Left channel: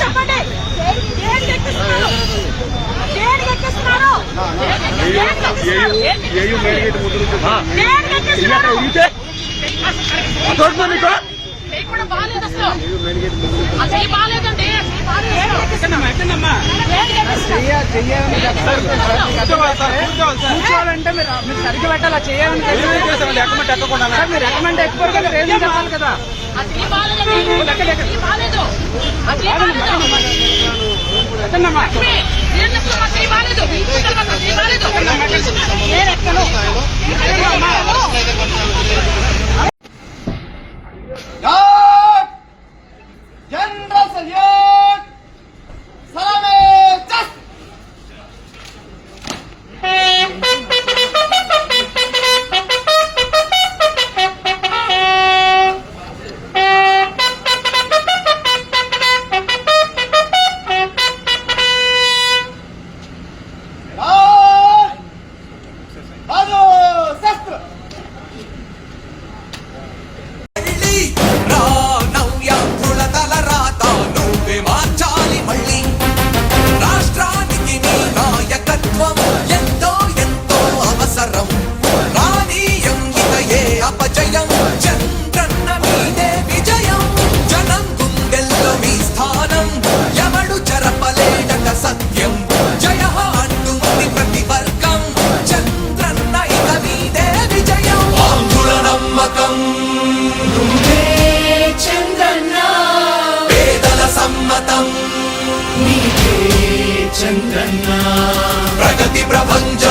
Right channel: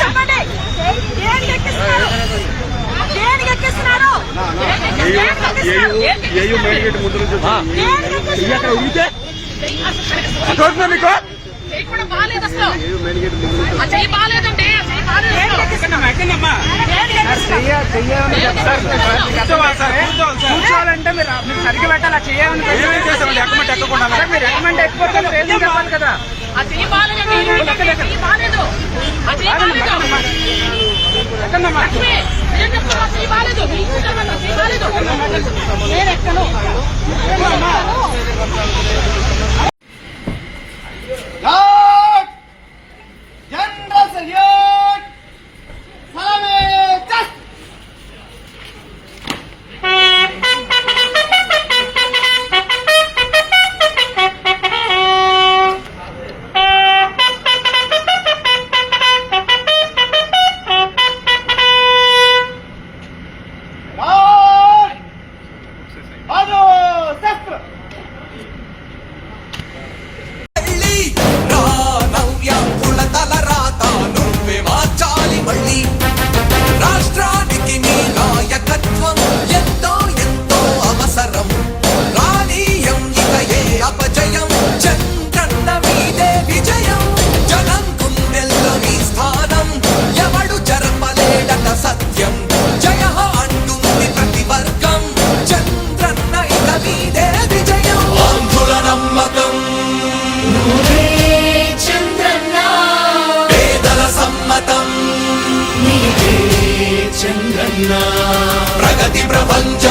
చెప్పండి దేనికి ఎక్కిస్తున్నారు పెట్టిందమ్మా కూర్చోవాలంటే మీరు మీరు సరిగ్గా పెట్టాలా చేయాలని చేసామండి ఎక్కమంటే ఎక్కకుండా మీరు ఎక్కమంటే ఎక్కువ కావాలి కదా? ప్రపంచ